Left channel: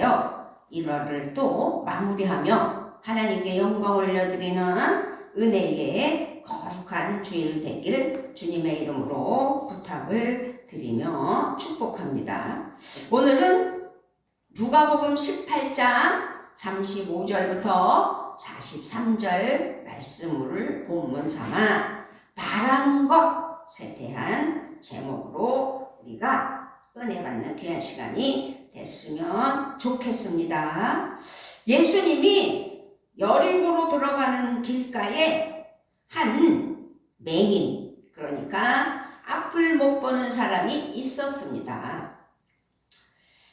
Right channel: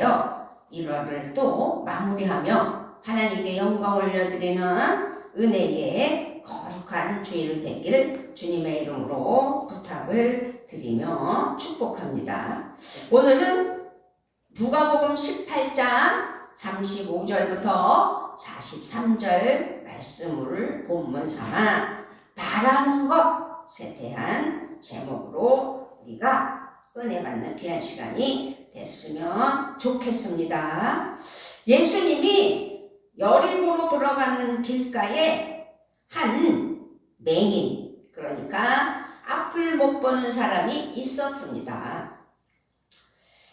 요 1월을 또 마무리하며 하나님께 영광 올려드리는 은혜의 거룩한 주일 되길 주님의 이름으로 부탁을 드리며 축복합니다. 오늘은 누가복음 18장 35절부터 43절 말씀을 본문 삼아 바라는 것에 대한 제목으로 우리가 은혜 받는 귀한 시간이 됐으면 좋겠습니다. 예수님이 여리고로 들어가는 길가에 한 맹인, 그러니까 앞을 못 보는 사람이 있었습니다.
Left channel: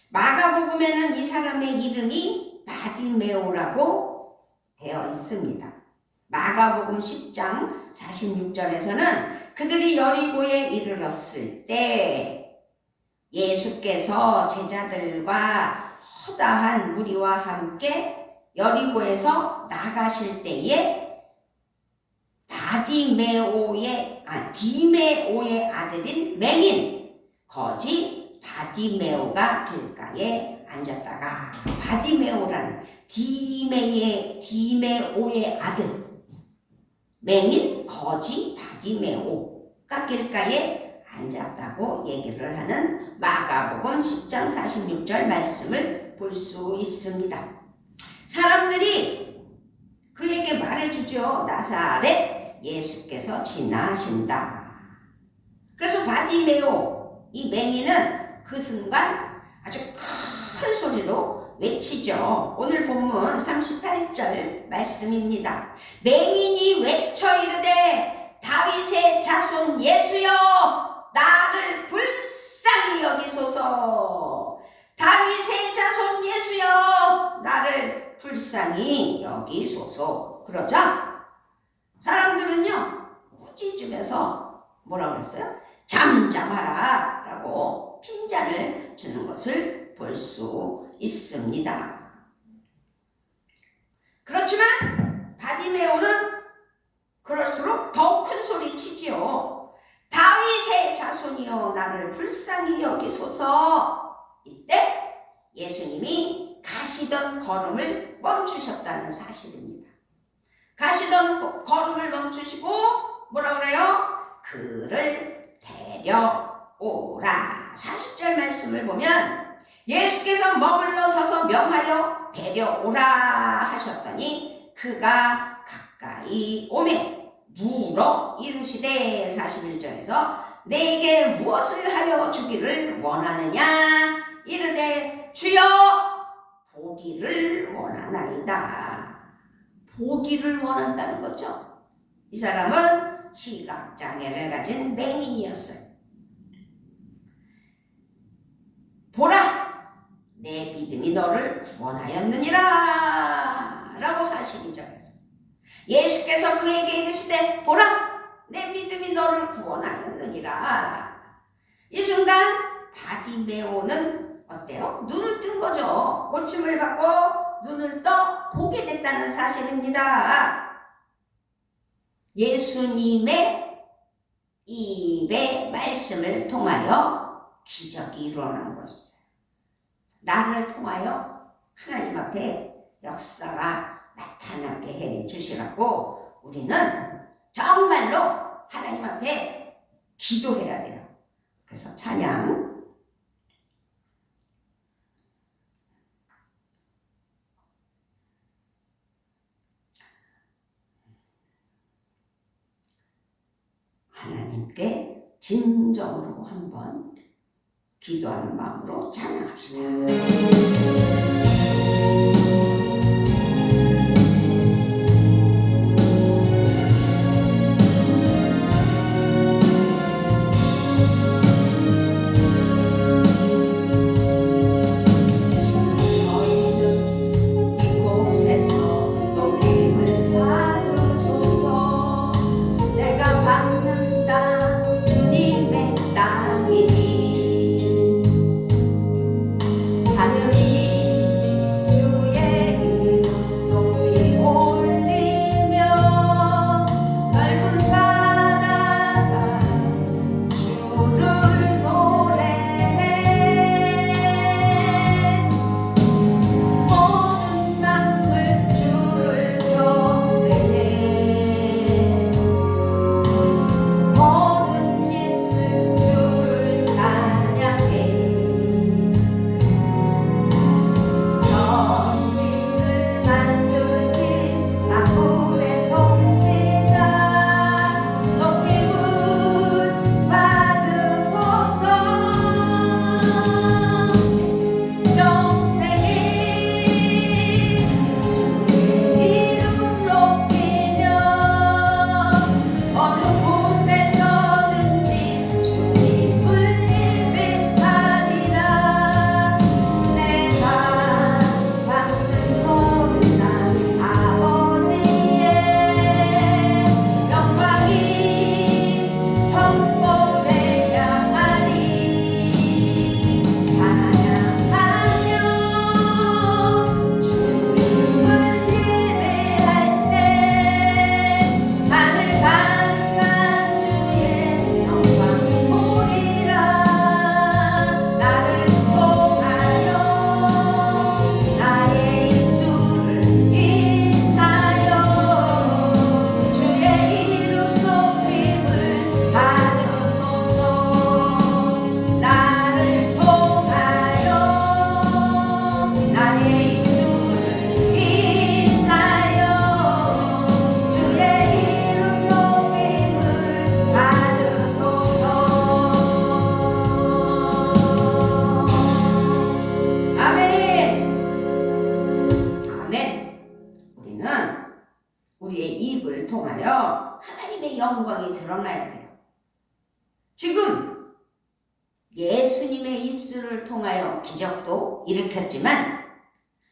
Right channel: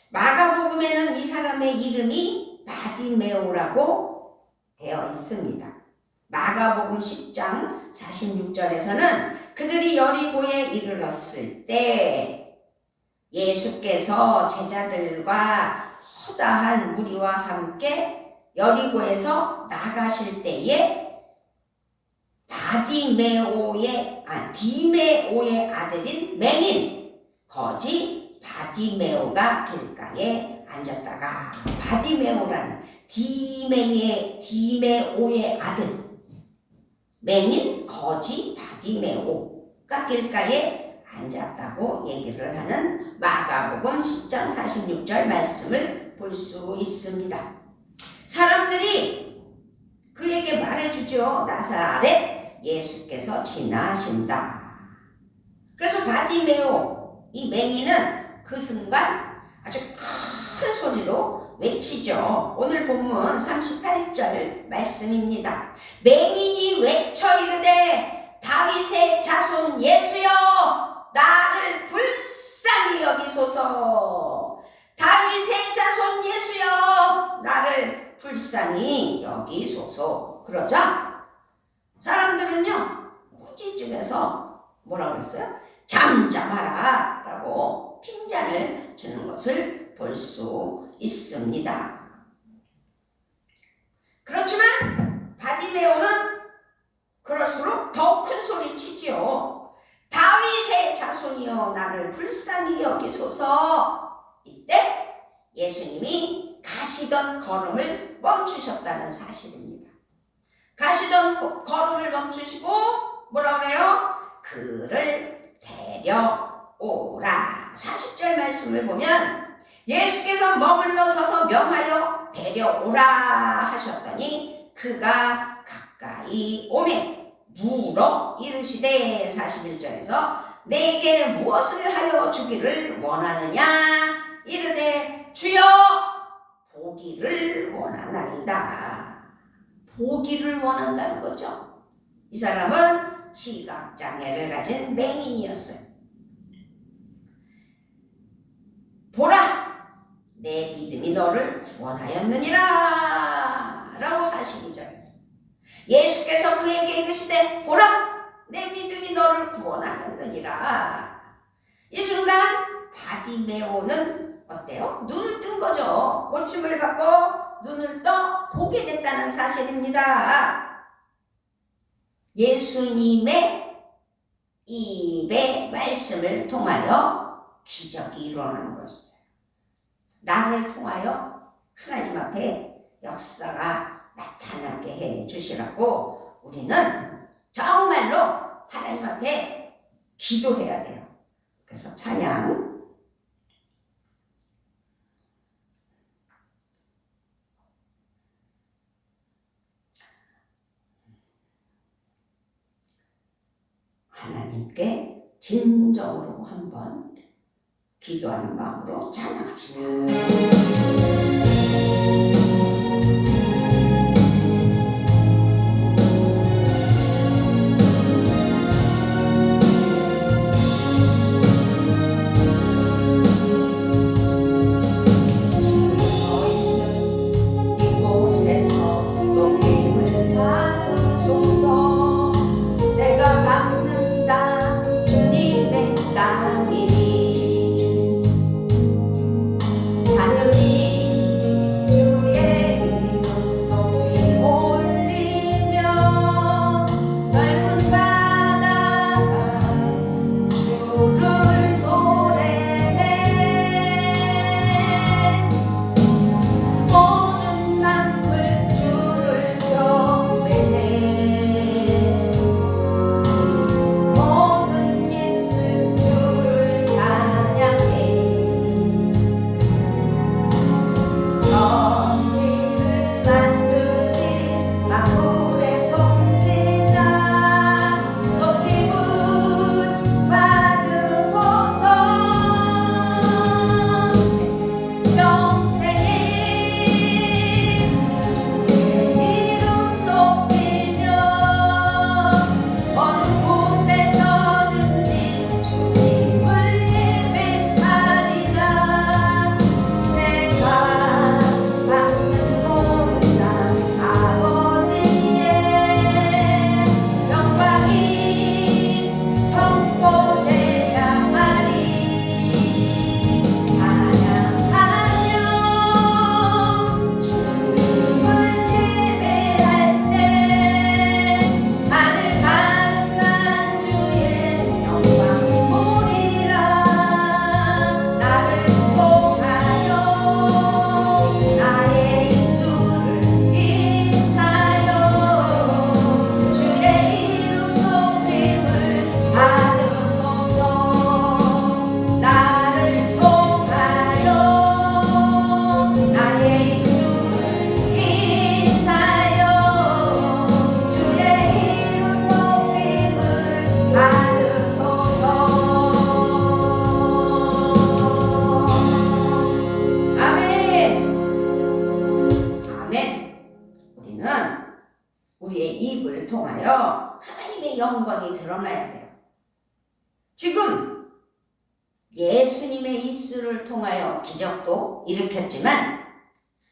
마가복음에는 이 사람의 이름이 바디메오라고 되어 있습니다. 마가복음 10장 46절에서는 그들이 여리고에 이르렀을 때 예수께서 제자들과 허다한 무리와 함께 여리고에서 나가실 때에 디메오의 아들인 맹인 거지 바디메오가 길가에 앉았다가, 바디메오라는 디메오의 아들 맹인 거지 바디메오가 길가에 앉았다고 얘기를 하는 마가복음 10장 46절 말씀을 볼 수 있습니다. 사람들이 그에게 말해주죠. 나사렛 예수께서 지나신다. 그래서 바디메오, 이 맹인은 그 순간 아주 큰 소리로 외치죠. 오늘 본문 38절 말씀입니다. 맹인이 외쳐 이르되 다윗의 자손 예수여 나를 불쌍히 여기소서. 다윗의 자손 예수여 나를 불쌍히 여기소서. 그러자 사람들은요 꾸짖으면서 뭐라고 그랬어요? 잠잠하라 라고 핀잔을 주는 것을 볼 수 있습니다. 그렇지만 바디메오는 그럴수록 더 큰 소리 치지요. 다윗의 자손이여 나를 불쌍히 여기소서. 이때 예수님이 가시던 걸음을 멈추셨다는 사실입니다. 가시던 걸음을 멈추시고 뭐라 그래요? 그를 데려오라. 40절 말씀을 보면 예수께서 머물러 서서 명하여 데려오라 하셨더니 그가 가까이 오매 물어 이르시되, 41절에서 내게 무엇을 하여 주기를 원하느냐 이르되 주여 보기를 원하나이다. 보기를 원한다는 거죠. 이 사람은 시각장애를 가진 맹인이었어요. 보라 내 믿음이 너를 구원하였느니라 라고 42절에서 예수께서 그에게 이르시되 보라 내 믿음이 너를 구원하였느니라. 이 순간 바디메오는 어때요? 눈을 뜬 거죠. 고침을 받고 눈을 떠 보게 됐다는 사실입니다. 예수님의 입의 말씀을 통하여 기적이 일어난 것이죠. 나를 통하여 하나님 앞에 역사가 나타나게 해 주시라고 우리는 정말로 하나님 앞에 기도해야 돼요. 그래서 찬양 하나님께 진정으로 한번 기도하는 마음으로 찬양합시다. 하늘 통하여 하나님의 영광이 드러나야 돼요. 지금 예수님의 입술을 통하여 기적도 일으켰지만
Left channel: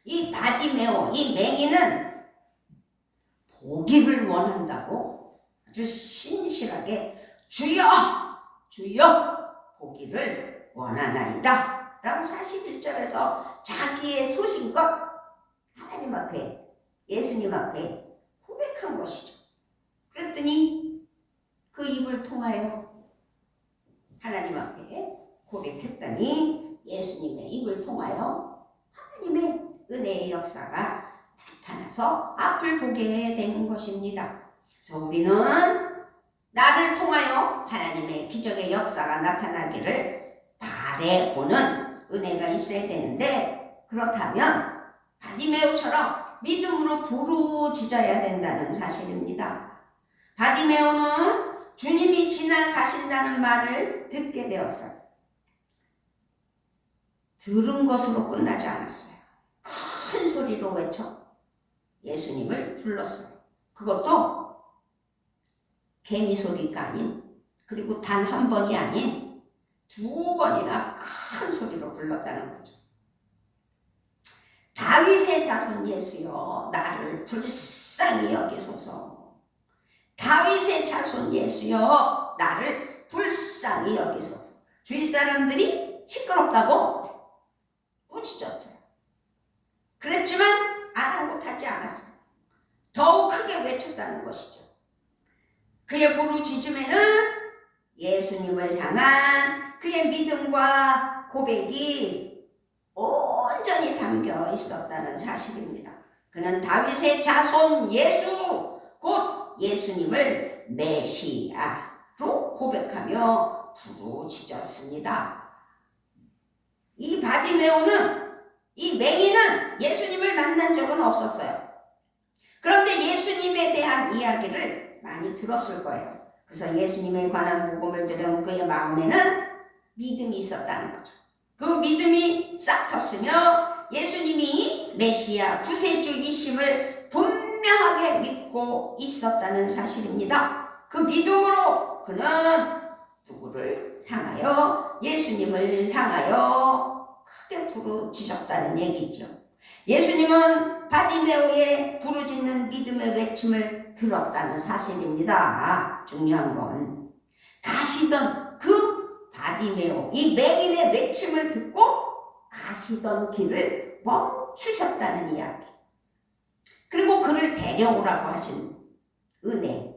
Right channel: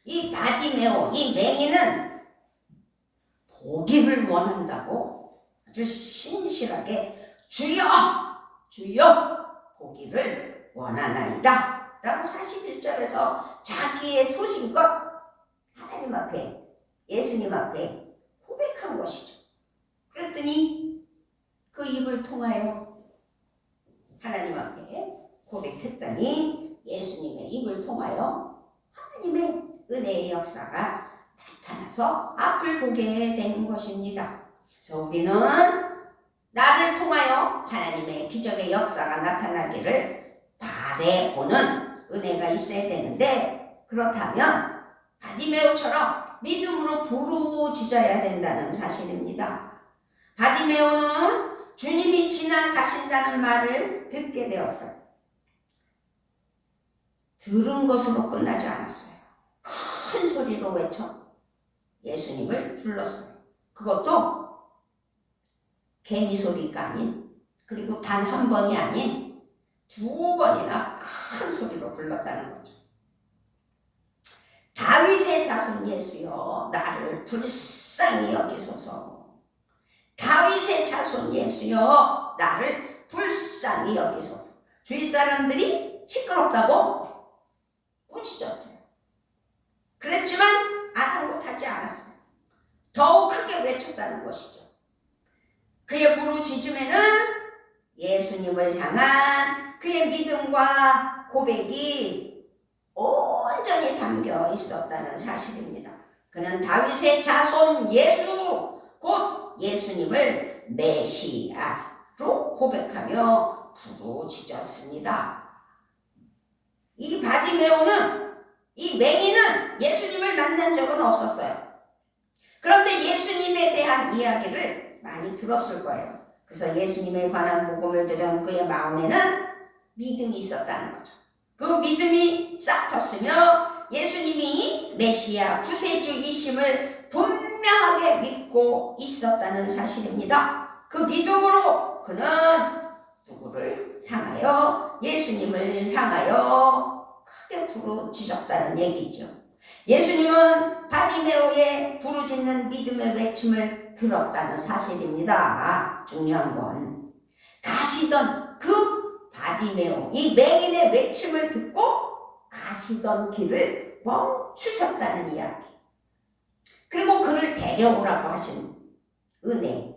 이 바디메오, 이 맹인은 보기를 원한다고 아주 신실하게 주여! 주여! 보기를 원하나이다 라고 41절에서 자기의 소신껏 하나님 앞에, 예수님 앞에 고백한 것이죠. 그랬더니 그 입을 통하여 하나님 앞에 고백했더니 예수님의 입을 통하여 하나님의 은혜의 역사가 나타나서 앞을 보게 된 것입니다. 그래서 우리는 나를 통하여 하나님의 기적의 역사가 나타나기를 바라보는 은혜가 있어야 되는데, 그렇다면 바디메오처럼 믿음으로 부르짖어야 된다는 사실입니다. 바디메오는 주님이 지나가신다는 말을 듣게 되었어요. 들은 것으로 끝나지 않았어요. 큰 소리로 외쳐 예수님을 불렀어요. 그것도 개미 소리가 아닌, 그리고 단 한 번이 아닌 2번이나 큰 소리로 불렀다는 거죠. 다윗의 자손 예수여 나를 불쌍히 여기소서. 다윗의 자손 예수여 나를 불쌍히 여기소서. 주위 사람들이 시끄럽다고 꾸짖었어요. 그랬지만 아랑곳하지 않았어요. 더욱 크게 외쳤다는 것이죠. 그의 부르짖음에는 예수님을 향한 그의 믿음과 고백이 온전히 담겨 있었다는 사실입니다. 그는 다윗의 자손 예수, 곧 예수님을 메시아로 고백하며 부르짖었습니다. 이 바디메오는, 이 맹인은 예수님을 만난 적은 없었어요. 그런데 예수님에 대한 이야기를 많이 들었을 거예요. 그래서 예수님에 관한 복음을 들은 그의 마음에는 믿음이 있었다는 거죠. 그 믿음이 싹 텄으며 예수님이 메시아 구세주이심을 분명하게 믿고 있었다는 사실입니다. 그 믿음으로 그는 누구를 향하여? 예수님을 향하여 크게 부르짖었다는 얘기죠. 예수님은 바디메오의 부르짖는 믿음의 외침을 들었다는 사실입니다. 중요한 건 가시던 그 바디메오, 이 맹인의 외침을 듣고 가시던 길을 멈추셨다는 이야기. 그리고 그를 데려오라고 하신 은혜.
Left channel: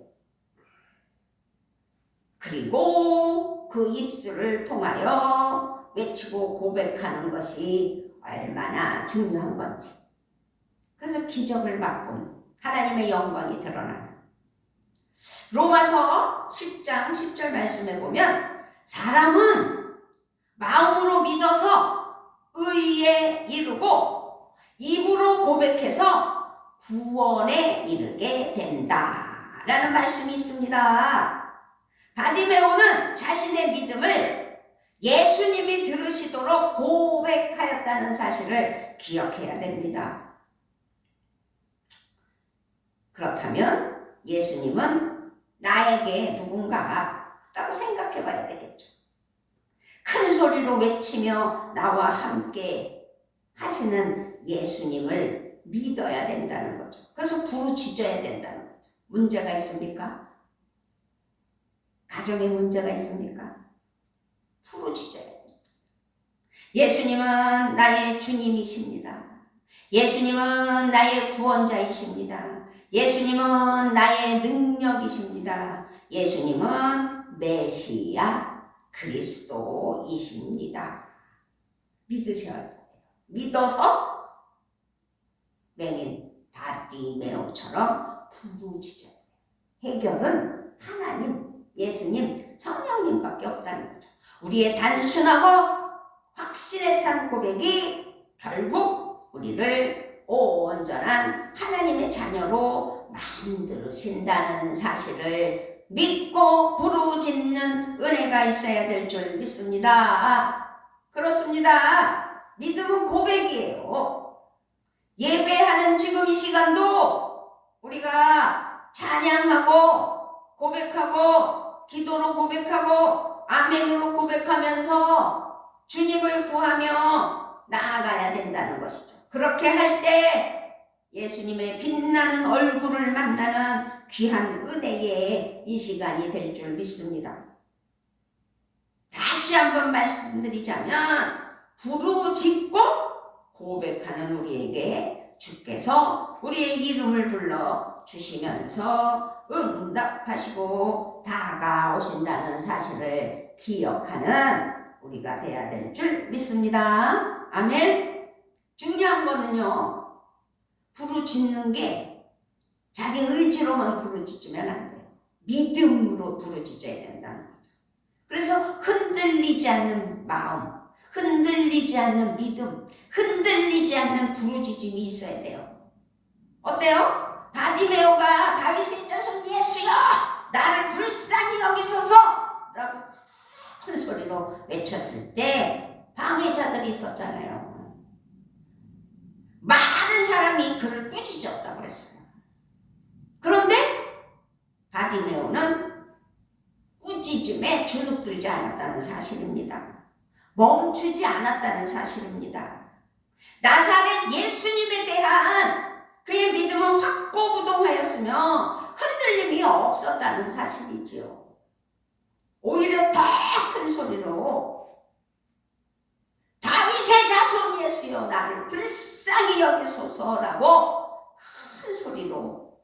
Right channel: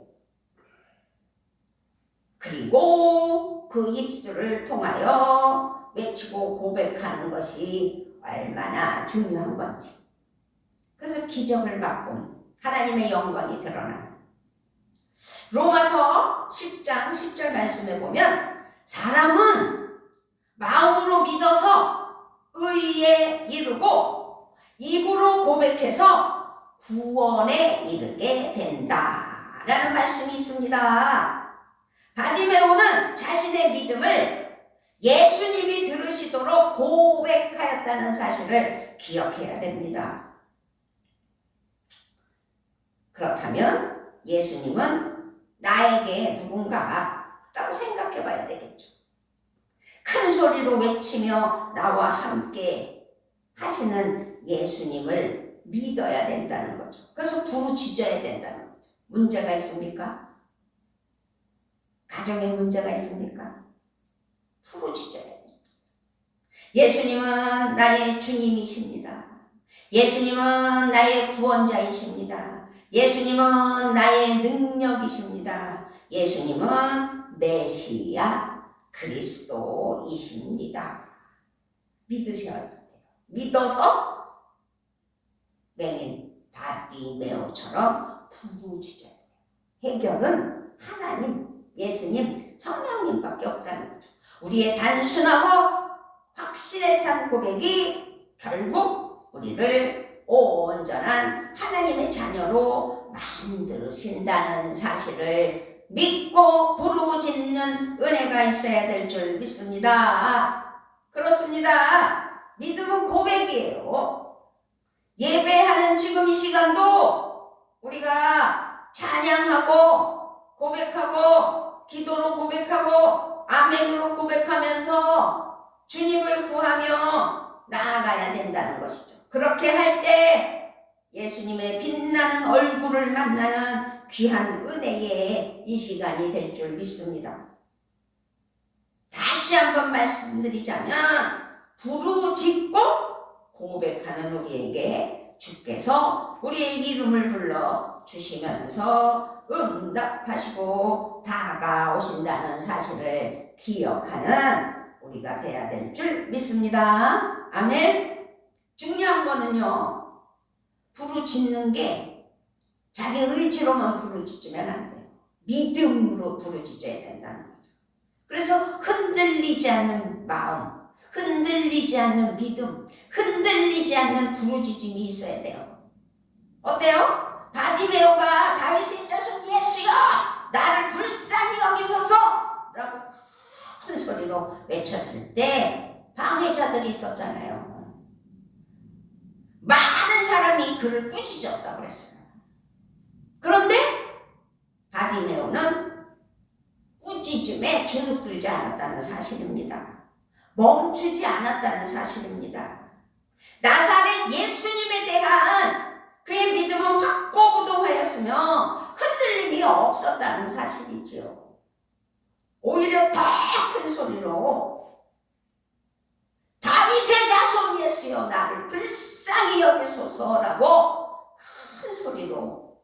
그리고 그 입술을 통하여 외치고 고백하는 것이 얼마나 중요한 건지. 그래서 기적을 맛본 하나님의 영광이 드러나는 로마서 10장 10절 말씀에 보면 사람은 마음으로 믿어서 의에 이르고 입으로 고백해서 구원에 이르게 된다라는 말씀이 있습니다. 바디메오는 자신의 믿음을 예수님이 들으시도록 고백하였다는 사실을 기억해야 됩니다. 그렇다면 예수님은 나에게 누군가라고 생각해 봐야 되겠죠. 큰 소리로 외치며 나와 함께 하시는 예수님을 믿어야 된다는 거죠. 그래서 부르짖어야 된다는 거죠. 문제가 있습니까? 가정에 문제가 있습니까? 부르짖어야 됩니다. 예수님은 나의 주님이십니다. 예수님은 나의 구원자이십니다. 예수님은 나의 능력이십니다. 예수님은 메시아 그리스도이십니다. 믿으셔야 돼요. 믿어서 맹인 바디메오처럼 부르짖어야 돼요. 해결은 하나님, 예수님, 성령님밖에 없다는 거죠. 우리의 단순하고 확신에 찬 고백이 결국 우리를 온전한 하나님의 자녀로 만드신다는 사실을 믿고 부르짖는 은혜가 있어야 될 줄 믿습니다. 그렇습니다. 믿음은 고백이에요. 예배하는 지금 이 시간도 우리가 찬양하고 고백하고 기도로 고백하고 아멘으로 고백하면서 주님을 구하며 나아가야 된다는 것이죠. 그렇게 할 때 예수님의 빛나는 얼굴을 만나는 귀한 은혜의 이 시간이 될 줄 믿습니다. 다시 한번 말씀드리자면 부르짖고 고백하는 우리에게 주께서 우리의 이름을 불러 주시면서 응답하시고 다가오신다는 사실을 기억하는 우리가 돼야 될 줄 믿습니다. 아멘. 중요한 거는요, 부르짖는 게 자기 의지로만 부르짖으면 안 돼요. 믿음으로 부르짖어야 된다는 거죠. 그래서 흔들리지 않는 마음, 흔들리지 않는 믿음, 흔들리지 않는 부르짖음이 있어야 돼요. 어때요? 바디메오가 다윗의 자손 예수여 나를 불쌍히 여기소서 라고 큰 소리로 외쳤을 때 방해자들이 있었잖아요. 많은 사람이 그를 꾸짖었다고 그랬어요. 그런데 바디메오는 꾸짖음에 주눅들지 않았다는 사실입니다. 멈추지 않았다는 사실입니다. 나사렛 예수님에 대한 그의 믿음은 확고부동하였으며 흔들림이 없었다는 사실이지요. 오히려 더 큰 소리로 다윗의 자손 예수여 나를 불쌍히 여기소서라고 큰 소리로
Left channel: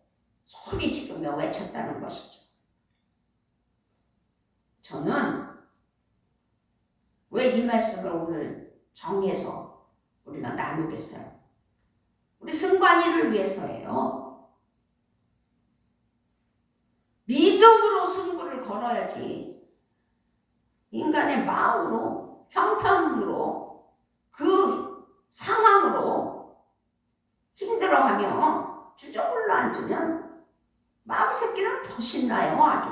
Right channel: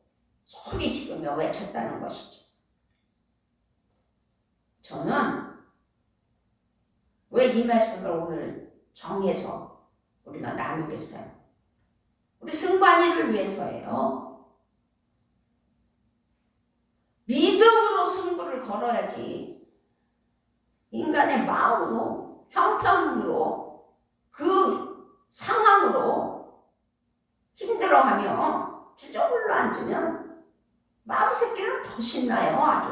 소리지르며 외쳤다는 것이죠. 저는 왜 이 말씀을 오늘 정해서 우리가 나누겠어요? 우리 승관이를 위해서예요. 믿음으로 승부를 걸어야지 인간의 마음으로 형편으로 그 상황으로 힘들어하며 주저굴러 앉으면 마귀새끼는 더 신나요. 아주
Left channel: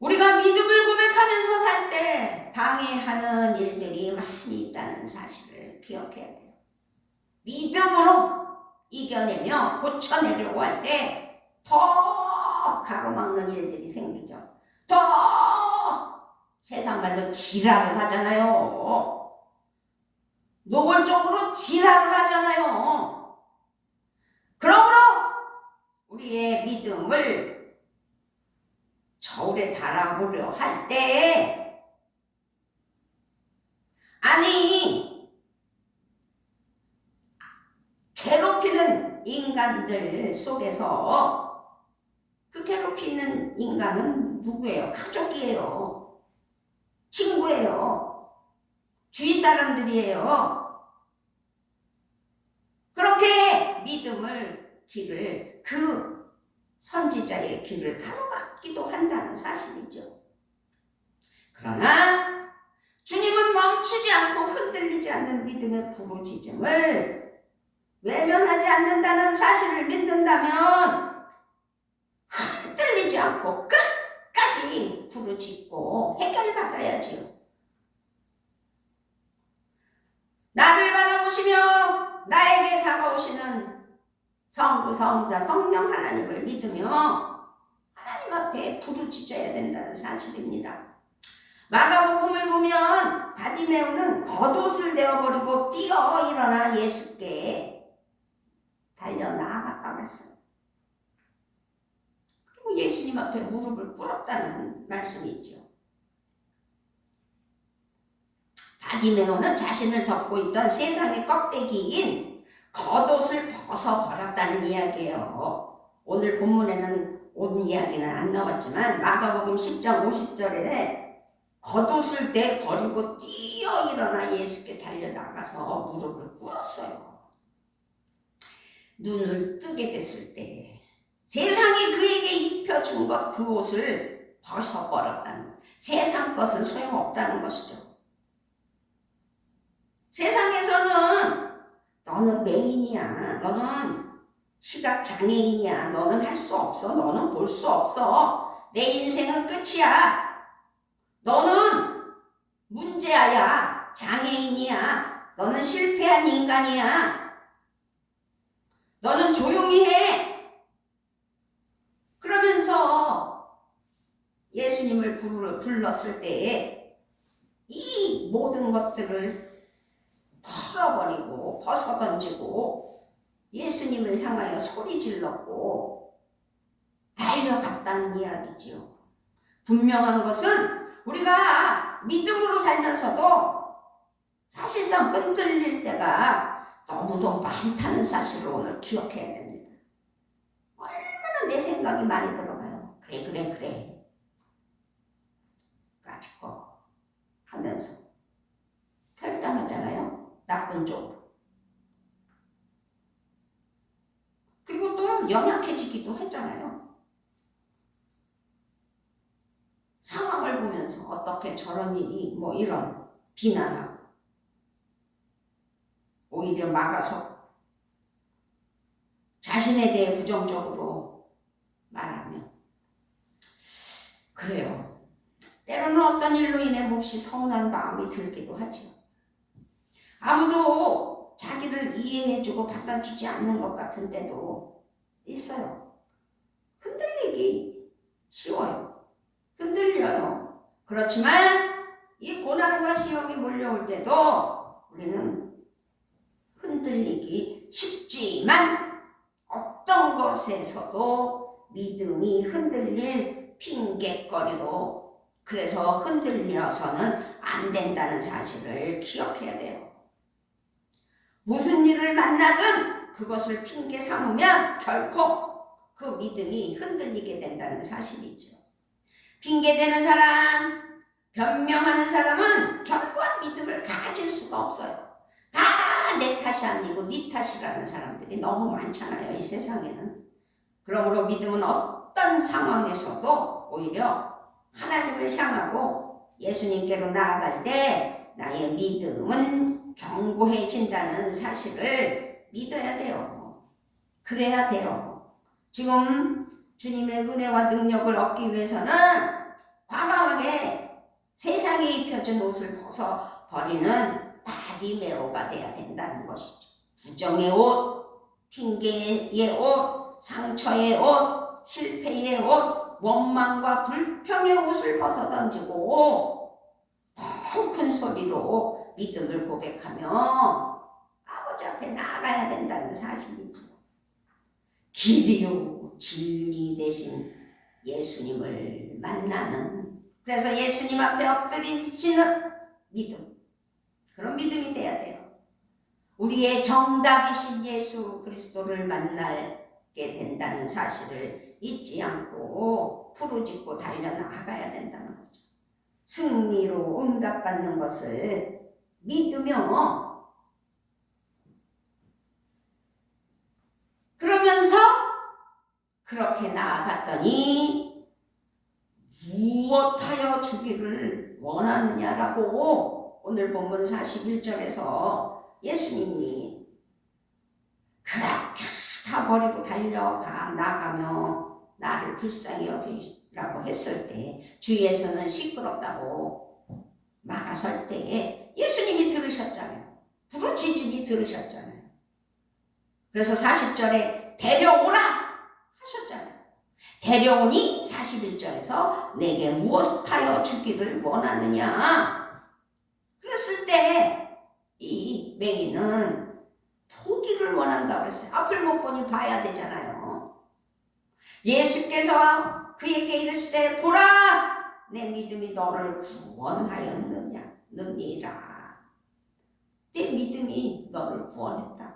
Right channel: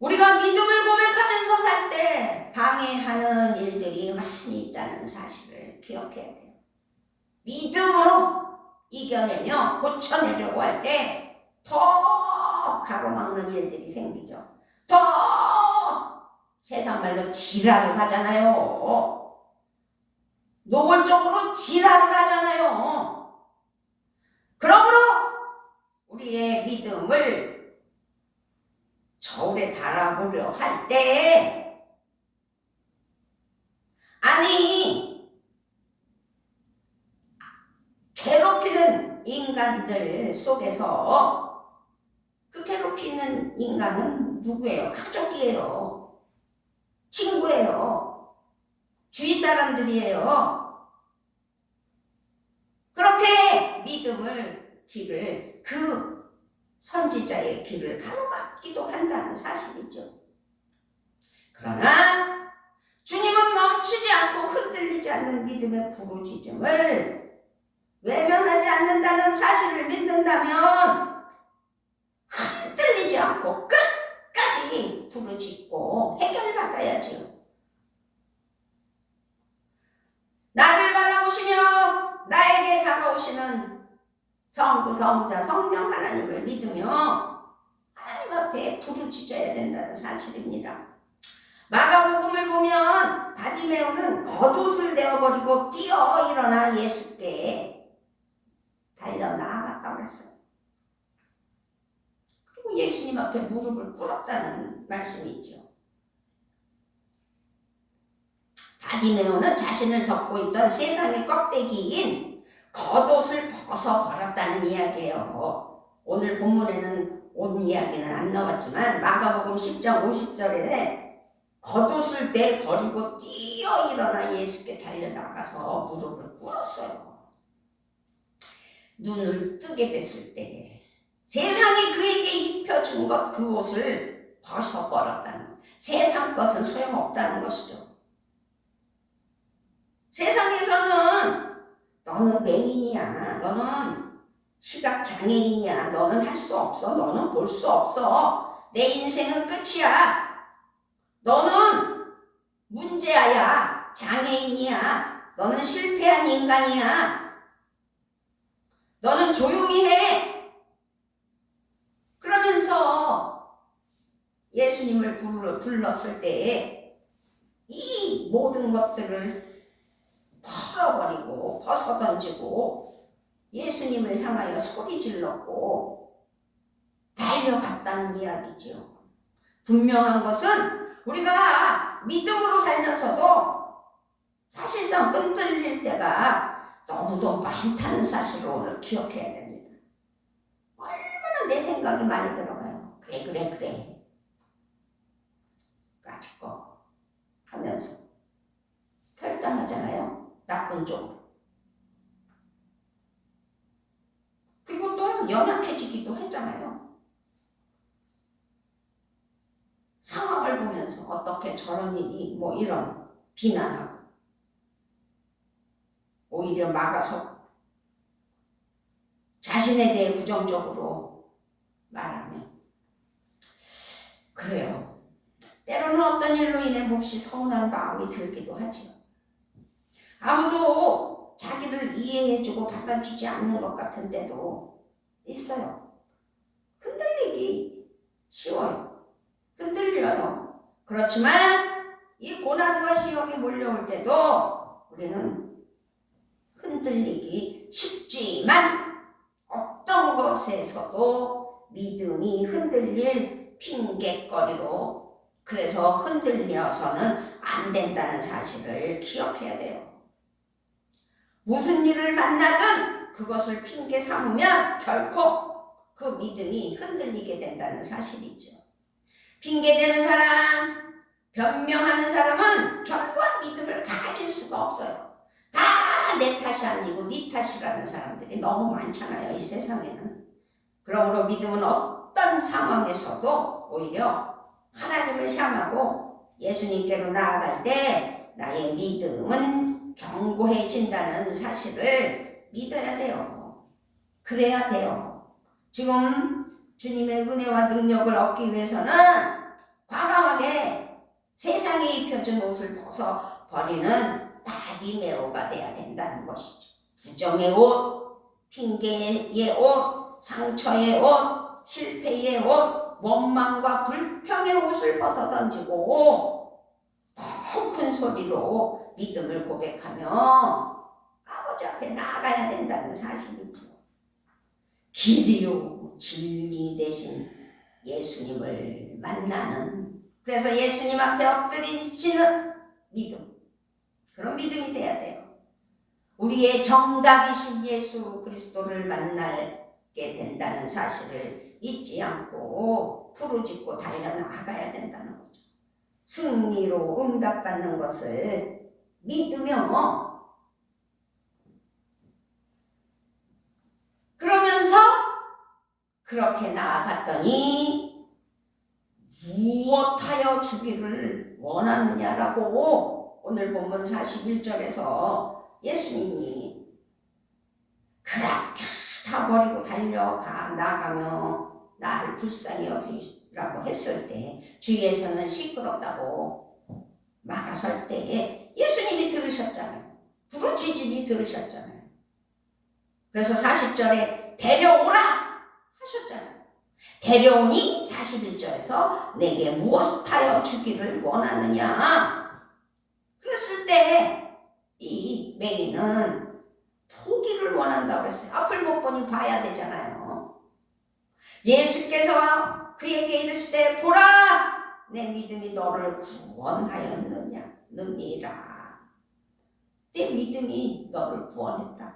우리가 믿음을 고백하면서 살 때 방해하는 일들이 많이 있다는 사실을 기억해야 돼요. 믿음으로 이겨내며 고쳐내려고 할 때 더 가로막는 일들이 생기죠. 더 세상 말로 지랄을 하잖아요. 노골적으로 지랄을 하잖아요. 그러므로 우리의 믿음을 저울에 달아보려 할 때 아니 괴롭히는 인간들 속에서 그 괴롭히는 인간은 누구예요? 가족이에요. 친구예요. 주위 사람들이에요. 그렇게 믿음을 길을 그 선지자의 길을 가로막기도 한다는 사실이죠. 그러나 주님은 멈추지 않고 흔들리지 않는 믿음의 부르짖음을 외면하지 않는다는 사실을 믿는다면 흔들리지 않고 끝까지 부르짖고 해결받아야지요. 나를 바라보시며 나에게 다가오시는 성부, 성자, 성령 하나님을 믿으며 하나님 앞에 부르짖어야 된다는 사실입니다. 마가복음을 보면 바디메오는 겉옷을 내어버리고 뛰어 일어나 예수께 달려 나아갔다고 했어요. 그리고 예수님 앞에 무릎을 꿇었다는 말씀이 있죠. 바디메오는 자신을 덮고 있던 세상의 껍데기인 겉옷을 벗어 버렸다는 이야기예요. 오늘 본문에는 옷 이야기는 안 나왔지만 마가복음 10장 50절에 겉옷을 내버리고 뛰어 일어나 예수께 달려나가서 무릎을 꿇었어요. 눈을 뜨게 됐을 때 세상이 그에게 입혀준 것 그 옷을 벗어버렸다는, 세상 것은 소용없다는 것이죠. 세상에서는 너는 맹인이야, 너는 시각장애인이야, 너는 할 수 없어, 너는 볼 수 없어, 내 인생은 끝이야, 너는 문제아야, 장애인이야, 너는 실패한 인간이야, 너는 조용히 해. 그러면서 예수님을 불렀을 때에 이 모든 것들을 털어버리고 벗어던지고 예수님을 향하여 소리 질렀고 달려갔다는 이야기지요. 분명한 것은 우리가 믿음으로 살면서도 사실상 흔들릴 때가 너무도 많다는 사실을 오늘 기억해야 됩니다. 얼마나 내 생각이 많이 들어가요. 그래 까짓거 하면서 결단하잖아요. 나쁜 쪽으로. 그리고 또 연약해지기도 했잖아요. 상황을 보면서 어떻게 저런 일이 이런 비난하고 오히려 막아서 자신에 대해 부정적으로 말하면 그래요. 때로는 어떤 일로 인해 몹시 서운한 마음이 들기도 하죠. 아무도 자기를 이해해주고 받아주지 않는 것 같은 때도 있어요. 흔들리기 쉬워요. 흔들려요. 그렇지만 이 고난과 시험이 몰려올 때도 우리는 흔들리기 쉽지만 어떤 것에서도 믿음이 흔들릴 핑곗거리로 그래서 흔들려서는 안 된다는 사실을 기억해야 돼요. 무슨 일을 만나든 그것을 핑계 삼으면 결코 그 믿음이 흔들리게 된다는 사실이죠. 핑계대는 사람, 변명하는 사람은 결코 믿음을 가질 수가 없어요. 다 내 탓이 아니고 네 탓이라는 사람들이 너무 많잖아요, 이 세상에는. 그러므로 믿음은 어떤 상황에서도 오히려 하나님을 향하고 예수님께로 나아갈 때 나의 믿음은 견고해진다는 사실을 믿어야 돼요. 그래야 돼요. 지금 주님의 은혜와 능력을 얻기 위해서는 과감하게 세상에 입혀진 옷을 벗어버리는 바디메오가 돼야 된다는 것이죠. 부정의 옷, 핑계의 옷, 상처의 옷, 실패의 옷, 원망과 불평의 옷을 벗어던지고 더 큰 소리로 믿음을 고백하며 아버지 앞에 나아가야 된다는 사실이죠. 길이요 진리 되신 예수님을 만나는, 그래서 예수님 앞에 엎드리시는 믿음, 그런 믿음이 돼야 돼요. 우리의 정답이신 예수 그리스도를 만나게 된다는 사실을 잊지 않고 부르짖고 달려나가야 된다는 거죠. 승리로 응답받는 것을 믿으며 그러면서 그렇게 나아갔더니 무엇하여 주기를 원하느냐라고 오늘 본문 41절에서 예수님이 그렇게 다 버리고 나가며 나를 불쌍히 여기라고 했을 때 주위에서는 시끄럽다고 말하설 때에 예수님이 들으셨잖아요. 부르짖음이 들으셨잖아요. 그래서 40절에 데려오라 하셨잖아요. 데려오니 41절에서 내게 무엇하여 주기를 원하느냐. 그랬을 때 이 맹인은 포기를 원한다고 그랬어요. 앞을 못 보니 봐야 되잖아요. 예수께서 그에게 이르시되 보라 내 믿음이 너를 구원하였느냐 느니라. 내 믿음이 너를 구원했다.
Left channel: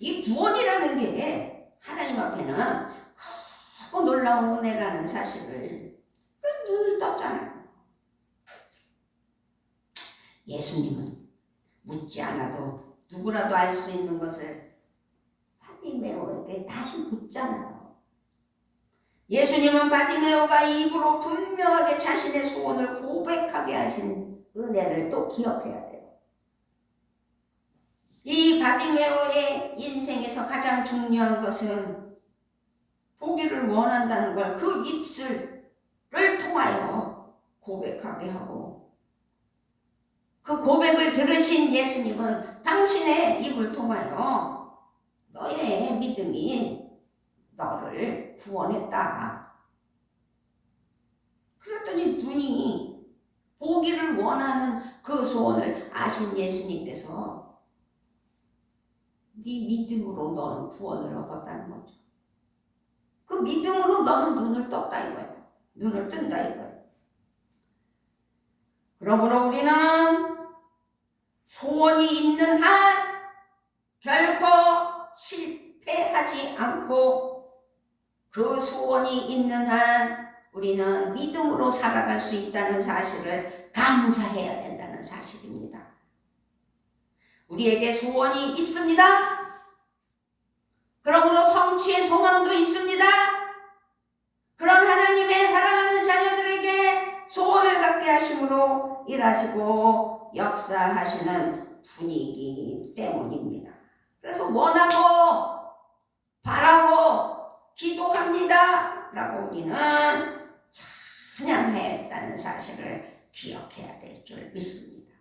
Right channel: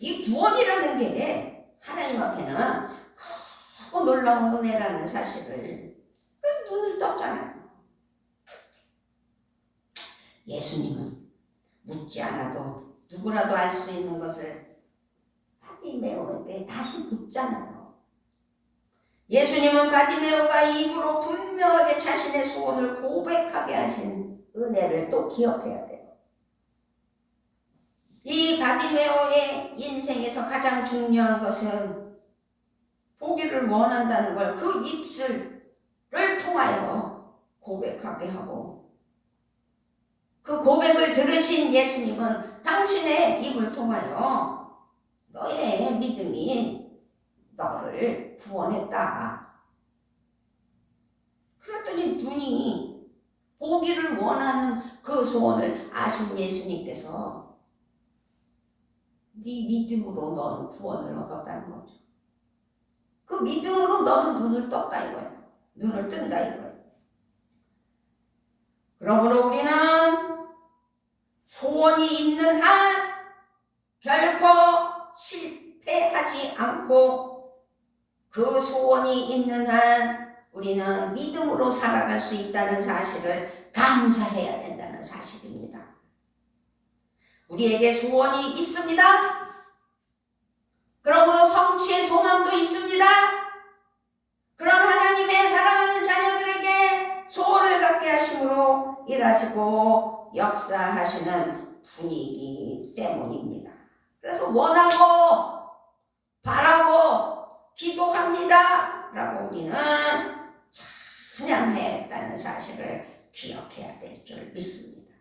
이 구원이라는 게 하나님 앞에는 크고 놀라운 은혜라는 사실을 눈을 떴잖아요. 예수님은 묻지 않아도 누구라도 알 수 있는 것을 바디메오에게 다시 묻잖아요. 예수님은 바디메오가 입으로 분명하게 자신의 소원을 고백하게 하신 은혜를 또 기억해야 돼요. 이 바디메오의 인생에서 가장 중요한 것은 보기를 원한다는 걸 그 입술을 통하여 고백하게 하고, 그 고백을 들으신 예수님은 당신의 입을 통하여 너의 믿음이 너를 구원했다. 그랬더니 눈이 보기를 원하는 그 소원을 아신 예수님께서 네 믿음으로 너는 구원을 얻었다는 거죠. 그 믿음으로 너는 눈을 떴다 이거예요. 눈을 뜬다 이거예요. 그러므로 우리는 소원이 있는 한 결코 실패하지 않고 그 소원이 있는 한 우리는 믿음으로 살아갈 수 있다는 사실을 감사해야 된다는 사실입니다. 우리에게 소원이 있습니다. 그러므로 성취의 소망도 있습니다. 그런 하나님의 사랑하는 자녀들에게 소원을 갖게 하심으로 일하시고 역사하시는 분이기 때문입니다. 그래서 원하고 바라고 기도합니다 라고 우리는 찬양했다는 사실을 기억해야 될 줄 믿습니다.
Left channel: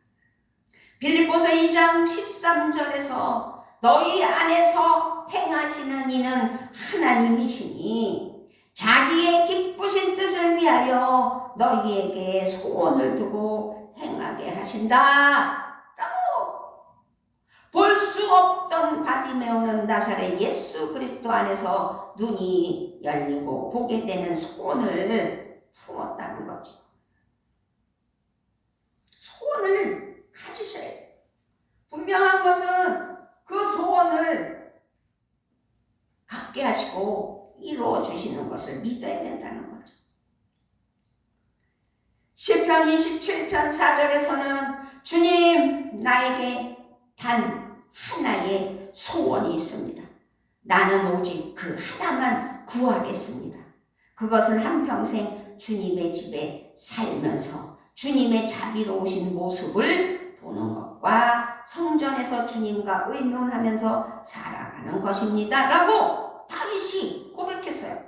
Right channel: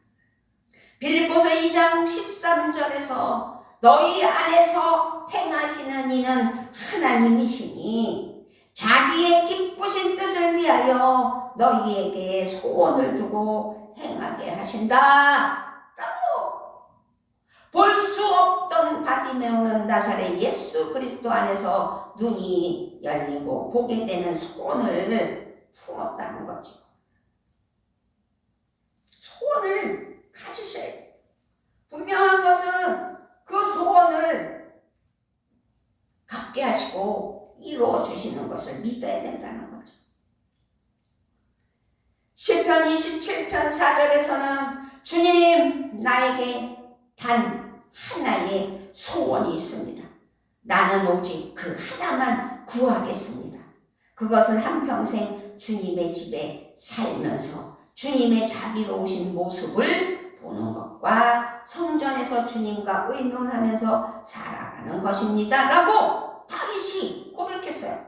빌립보서 2장 13절에서 너희 안에서 행하시는 이는 하나님이시니 자기의 기쁘신 뜻을 위하여 너희에게 소원을 두고 행하게 하신다 라고 볼 수 없던 바디메오는 나사렛 예수 그리스도 안에서 눈이 열리고 보게 되는 소원을 품었다는 거죠. 소원을 가지셔야 돼요. 분명한 것은 그 소원을 갖게 하시고 이루어 주시는 것을 믿어야 된다는 거죠. 시편 27편 4절에서는 주님 나에게 단 하나의 소원이 있습니다. 나는 오직 그 하나만 구하겠습니다. 그것은 한평생 주님의 집에 살면서 주님의 자비로우신 모습을 보는 것과 성전에서 주님과 의논하면서 살아가는 것입니다 라고 다윗이 고백했어요.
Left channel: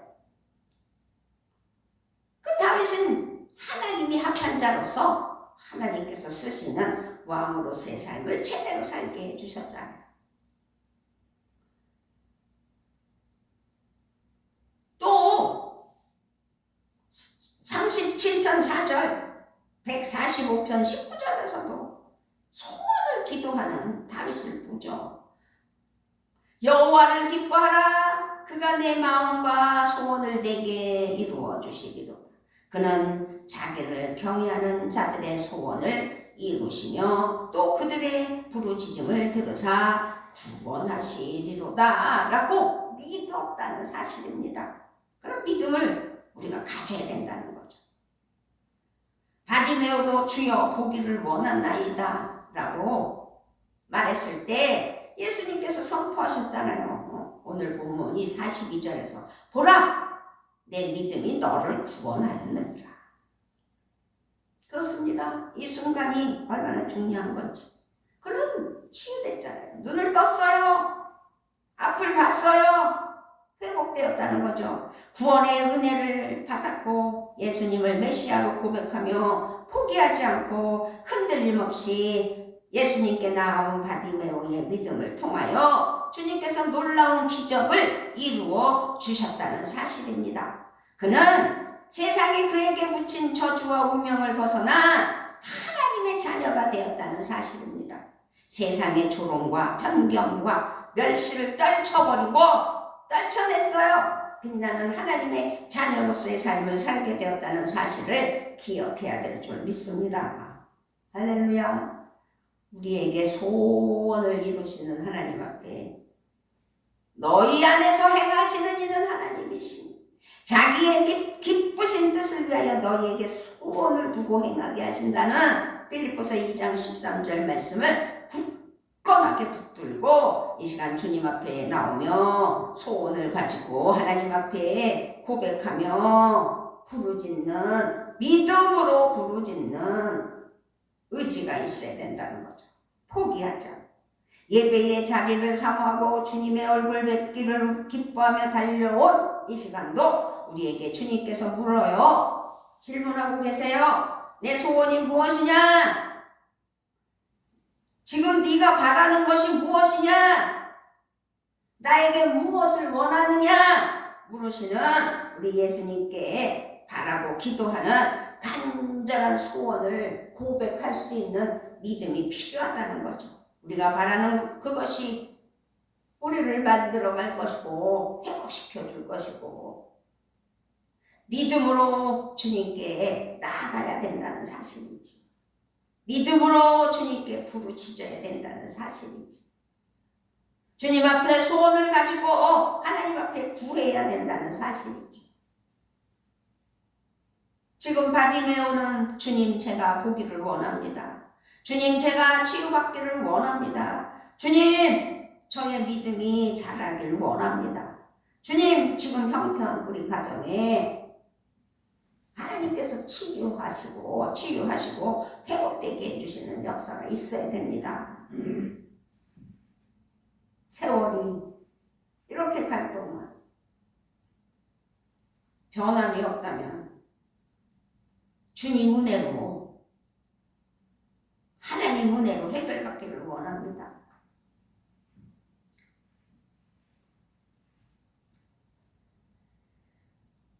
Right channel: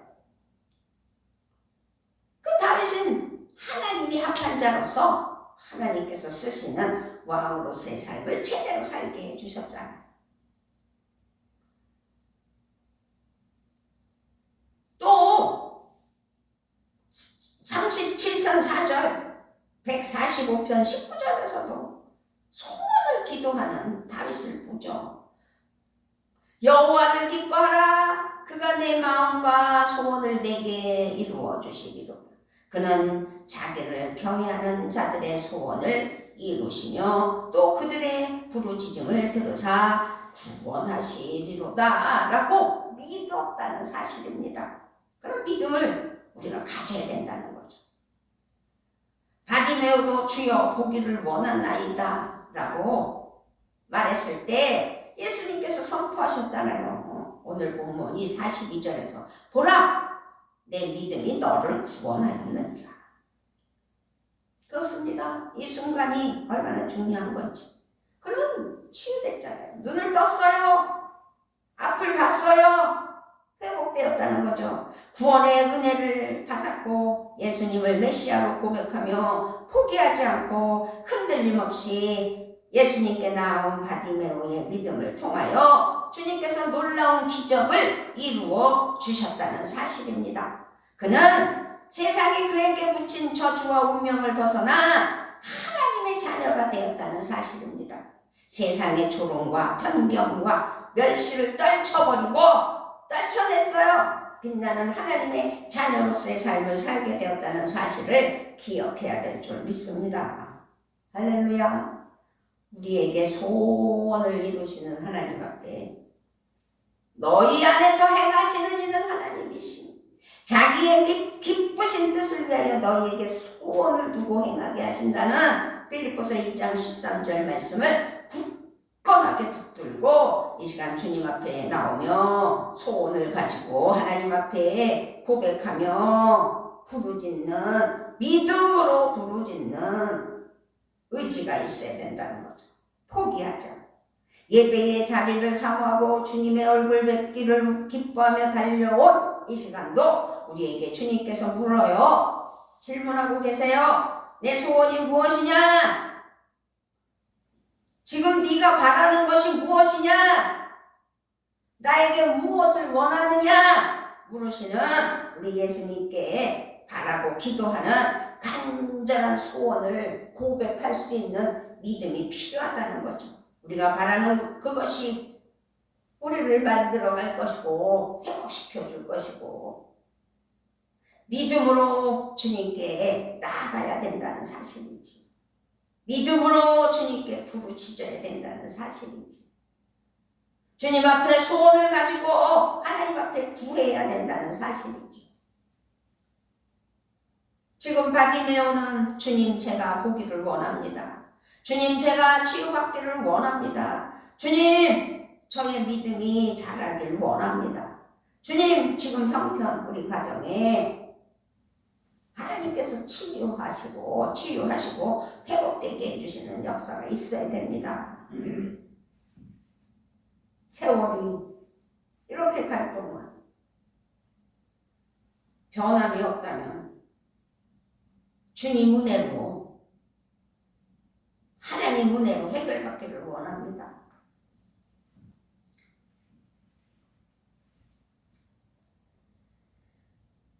그 다윗은 하나님이 합한 자로서 하나님께서 쓰시는 왕으로서의 삶을 제대로 살게 해주셨잖아요. 또 37편 4절 145편 19절에서도 소원을 기도하는 다윗을 보죠. 여호와를 기뻐하라. 그가 내 마음과 소원을 내게 이루어 주시리로다. 그는 자기를 경외하는 자들의 소원을 이루시며 또 그들의 부르짖음을 들으사 구원하시리로다 라고 믿었다는 사실입니다. 그런 믿음을 우리가 가져야 된다는 거죠. 바디메오도 주여 보기를 원하나이다 라고 말했을 때 예수님께서 선포하셨잖아요. 오늘 본문 이 42절에서 보라 내 믿음이 너를 구원하였느니라. 그렇습니다. 이 순간이 얼마나 중요한 건지. 그럼 치유됐잖아요. 눈을 떴어요. 앞을 봤어요. 회복되었다는 거죠. 구원의 은혜를 받았고 예수님을 메시아로 고백하며 포기하지 않고 흔들림 없이 예수님께 나온 바디메오의 믿음을 통하여 주님께서 놀라운 기적을 이루어 주셨다는 사실입니다. 그는 세상이 그에게 붙인 저주와 운명을 벗어나 하나님의 자녀가 되었다는 사실입니다. 세상의 조롱과 편견과 멸시를 떨쳐냈어요. 빛나는 하나님의 자녀로서의 삶을 살게 되었다는 사실을 기억해야 될 줄 믿습니다. 할렐루야. 우리에게 소원을 이루시는 하나님 앞에 너희 안에서 행하시는 이는 하나님이시니 자기의 기쁘신 뜻을 위하여 너희에게 소원을 두고 행하게 하신다는 빌립보서 2장 13절 말씀을 굳건하게 붙들고 이 시간 주님 앞에 나오며 소원을 가지고 하나님 앞에 고백하며 부르짖는 믿음으로 부르짖는 의지가 있어야 된다는 거죠. 포기하자. 예배의 자리를 사모하고 주님의 얼굴 뵙기를 기뻐하며 달려온 이 시간도 우리에게 주님께서 물어요. 질문하고 계세요. 내 소원이 무엇이냐? 지금 네가 바라는 것이 무엇이냐? 나에게 무엇을 원하느냐 물으시는 우리 예수님께 바라고 기도하는 간절한 소원을 고백할 수 있는 믿음이 필요하다는 거죠. 우리가 바라는 그것이 우리를 만들어갈 것이고 회복시켜 줄 것이고 믿음으로 주님께 나아가야 된다는 사실이지. 믿음으로 주님께 부르짖어야 된다는 사실이지. 주님 앞에 소원을 가지고 하나님 앞에 구해야 된다는 사실이지. 지금 바디메오는 주님 제가 보기를 원합니다. 주님 제가 치유받기를 원합니다. 주님 저의 믿음이 자라길 원합니다. 주님 지금 형편 우리 가정에 하나님께서 치유하시고 회복되게 해주시는 역사가 있어야 됩니다. 세월이 이렇게 갈 동안 변함이 없다면 주님 은혜로 하나님 은혜로 해결받기를 원합니다.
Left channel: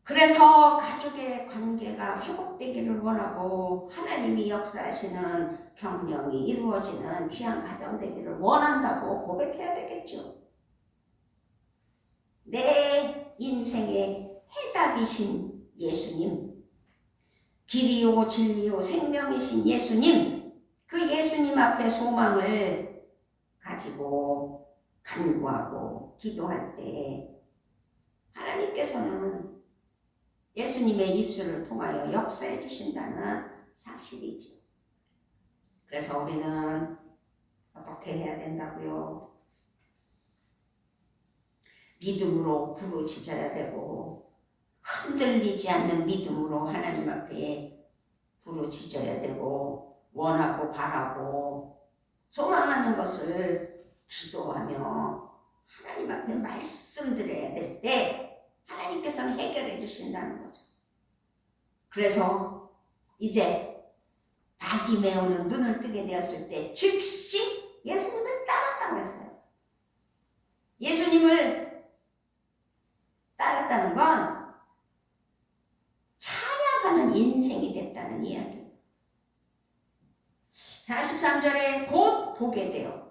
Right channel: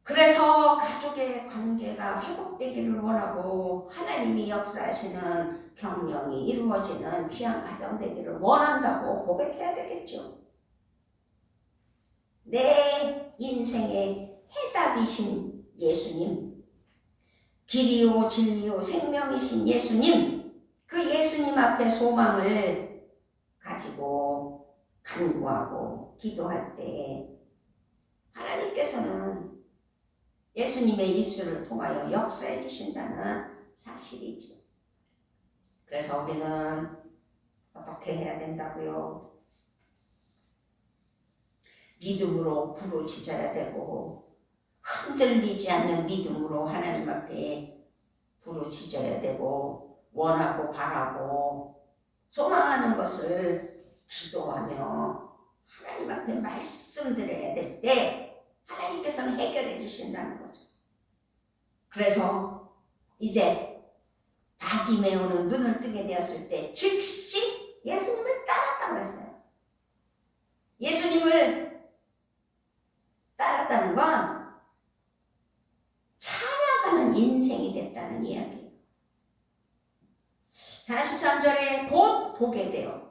그래서 가족의 관계가 회복되기를 원하고 하나님이 역사하시는 경영이 이루어지는 귀한 가정 되기를 원한다고 고백해야 되겠죠. 내 인생의 해답이신 예수님, 길이요 진리요 생명이신 예수님, 그 예수님 앞에 소망을 가지고 간구하고 기도할 때 하나님께서는 예수님의 입술을 통하여 역사해 주신다는 사실이죠. 그래서 우리는 어떻게 해야 된다고요? 믿음으로 부르짖어야 되고 흔들리지 않는 믿음으로 하나님 앞에 부르짖어야 되고 원하고 바라고 소망하는 것을 기도하며 하나님 앞에 말씀드려야 될 때 하나님께서는 해결해 주신다는 거죠. 그래서 이제 바디메오는 눈을 뜨게 되었을 때 즉시 예수님을 따랐다고 했어요. 예수님을 따랐다는 건 찬양하는 인생이 됐다는 이야기예요. 43절에 곧 보게 되어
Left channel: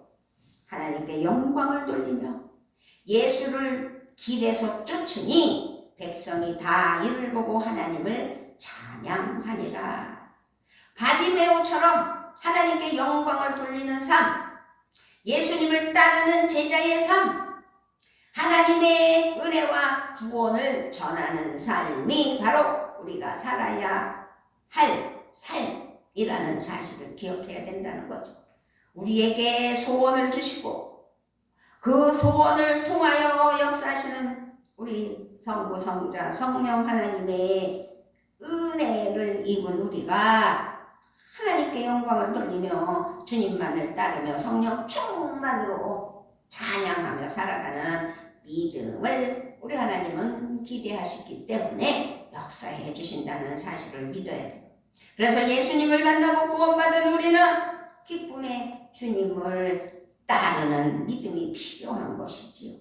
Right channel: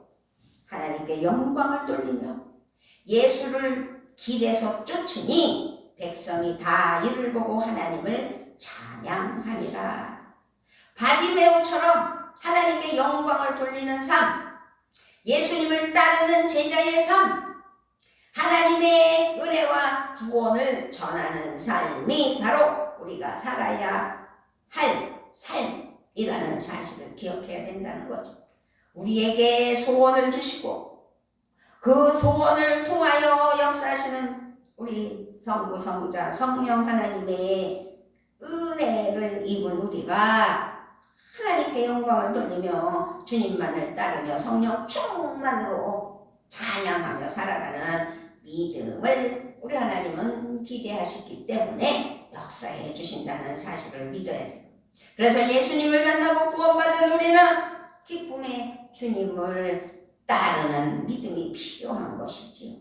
하나님께 영광을 돌리며 예수를 길에서 쫓으니 백성이 다 이를 보고 하나님을 찬양하니라. 바디메오처럼 하나님께 영광을 돌리는 삶, 예수님을 따르는 제자의 삶, 하나님의 은혜와 구원을 전하는 삶이 바로 우리가 살아야 할 삶이라는 사실을 기억해야 된다는 거죠. 우리에게 소원을 주시고 그 소원을 통하여 역사하시는 우리 성부 성자 성령 하나님의 은혜를 입은 우리가 하나님께 영광을 돌리며 주님만을 따르며 성령 충만으로 찬양하며 살아가는 믿음을 우리 하나님은 기대하시기 때문에 역사해 주신다는 사실을 믿어야 돼요. 그래서 예수님을 만나고 구원받은 우리는 기쁨의 주님을 따르는 믿음이 필요한 것이지요.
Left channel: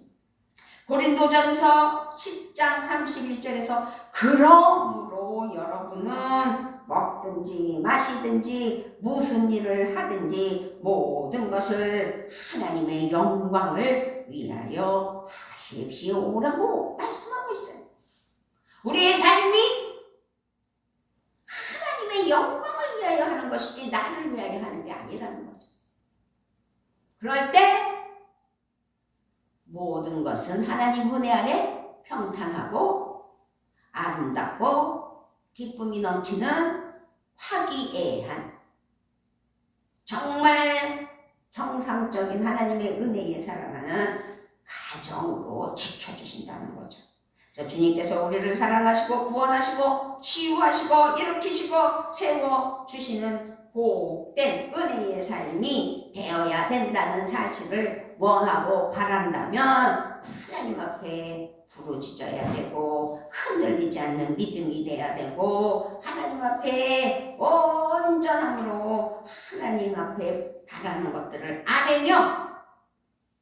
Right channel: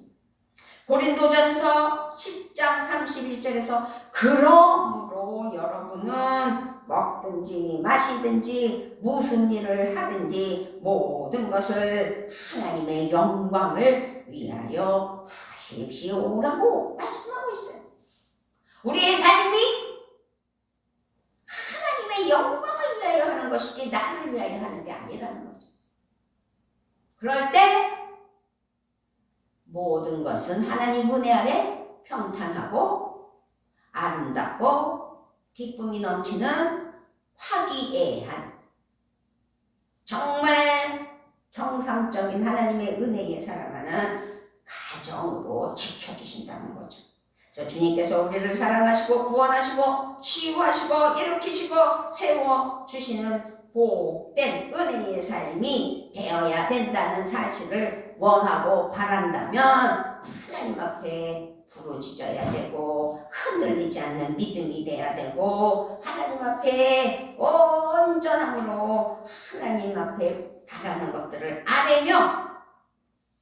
고린도전서 10장 31절에서 그러므로 여러분은 먹든지 마시든지 무슨 일을 하든지 모든 것을 하나님의 영광을 위하여 하십시오라고 말씀하고 있어요. 우리의 삶이 하나님의 영광을 위하여 하는 것이지 나를 위하여 하는 게 아니라는 거죠. 그럴 때 모든 것은 하나님 은혜 아래 평탄하고 아름답고 기쁨이 넘치는 화기애애한 정말 정상적인 하나님의 은혜에 살아가는 가정으로 지켜주신다는 거죠. 그래서 주님께서 우리를 사랑하시고 구원하시고 치유하시고 일으키시고 세워주시는 복된 은혜의 삶이 되어야 된다는 사실을 원하고 바란다면 하나님 앞에 부르짖어야 되고 흔들리지 않는 믿음이 돼야 되고 하나님 앞에 온전함으로 하나님 앞에 바라는 것들을 아뢰며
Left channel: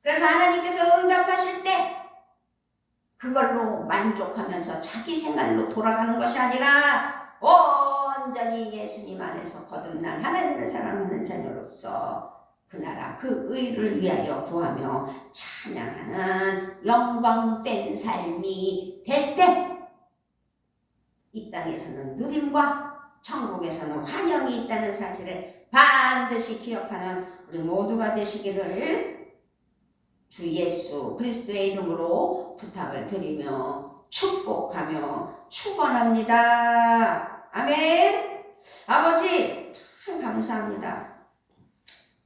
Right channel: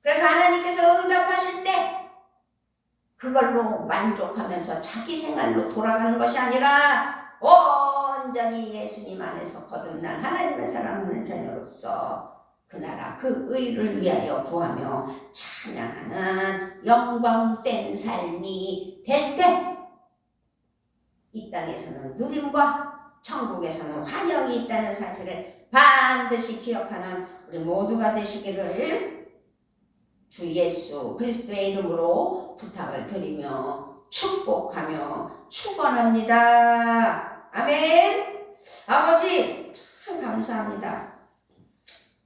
그래서 하나님께서 응답하실 때 그걸로 만족하면서 자기 생활로 돌아가는 것이 아니라 온전히 예수님 안에서 거듭난 하나님의 사랑하는 자녀로서 그 나라 그 의를 위하여 구하며 찬양하는 영광된 삶이 될 때 이 땅에서는 누림과 천국에서는 환영이 있다는 사실을 반드시 기억하는 우리 모두가 되시기를 주 예수 그리스도의 이름으로 부탁을 드리며 축복하며 축원합니다. 아멘. 아버지 참 감사합니다.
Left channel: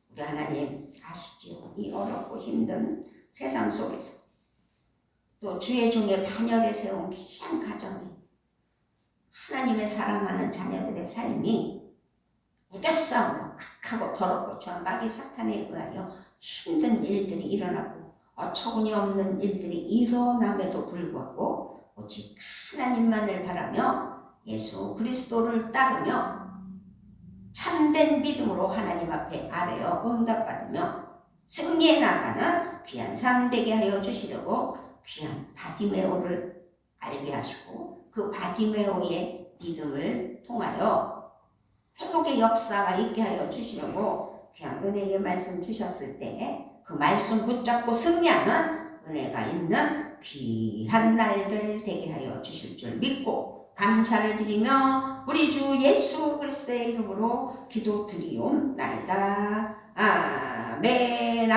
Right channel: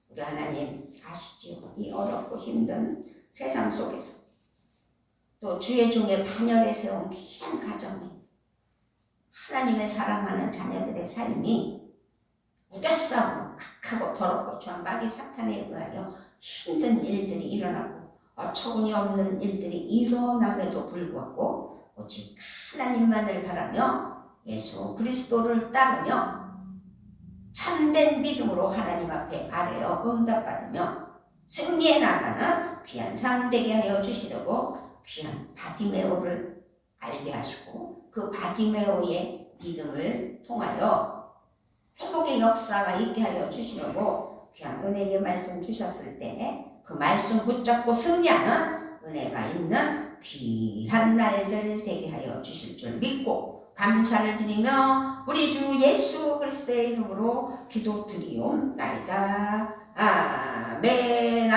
우리 하나님 아시죠? 이 어렵고 힘든 세상 속에서 또 주의 종의 반열에 세운 귀한 가정에 하나님의 사랑하는 자녀들의 삶이 무대싸움으로 악하고 더럽고 죄와 마귀 사탄에 의하여 힘든 일들이 일어나고 어처구니 없는 일들이 일어남에도 불구하고 오직 하나님만을 바라며 예수 그리스도를 따르며 참된 믿음으로 하나님 앞에 아뢰어 응답받으며 승리해 나가는 귀한 삶 되게 하여 주시려고 귀한 바디메오를 알게 하시고 그 바디메오의 믿음을 통하여 회복의 역사가 있게 하여 주시려고 귀한 은혜의 말씀 주셨을 때 그 말씀 붙잡고 승리하는 은혜가 있는 귀한 날들 되게 하여 주실 줄 믿고 감사를 드리며 우리 주 예수 그리스도의 이름으로 기도드리옵나이다. 아멘.